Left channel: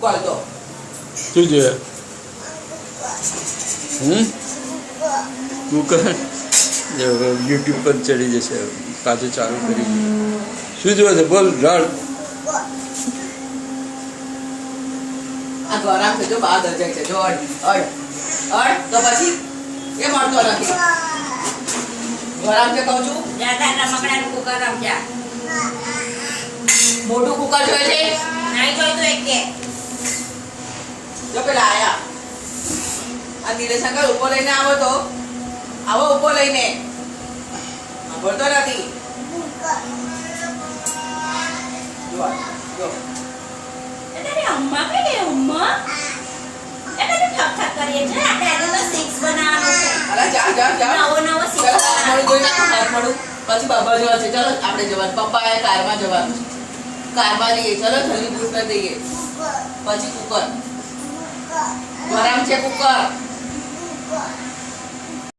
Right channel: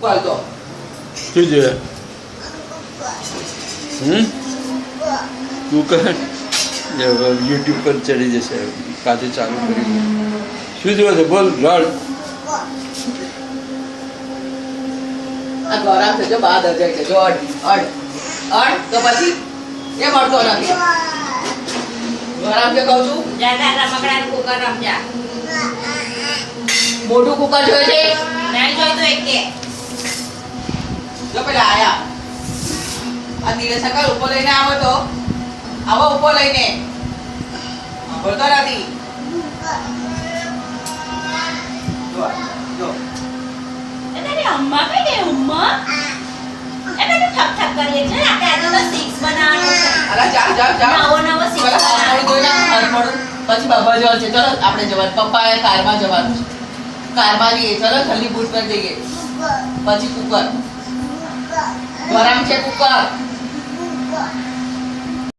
Call તો શું જોઈએ તું કર યુટ્યુબ પર ચડી જશે પાછું ચાલુ કરી શું જોવે છે બોલ રડ આ ગરમ છે જો બાદ અજાય છે જો અડ તો પછી એ મળતો નથી ગરમ છે કહું છું રમકડાનું કુકર રમજા. મોટું કુકર જોઈએ છે નહીં જોઈતું એક કે. જો પેલા આયા આ નિરેશંકર ઉપર લઈને આવો તો આવો ઉપર લઈને બોલતો નથી જો એ તારી અમ્મા કઈ ગઈ અમ્મા? એ બેટું ઠક ઠક કરીએ છે. આપણે આજે તો 6 બનાવવાનું છે. અરે જા નવો 6 બનાવવાનો. પછી બાબા જવા છે ચલો આપણે જવાનું પપ્પાએ કારમાં જવાનું છે કારમાં જઈએ ચલો જલ્દી બૂટ કરી દઈએ પછી કુકર ગરમ છે કુકર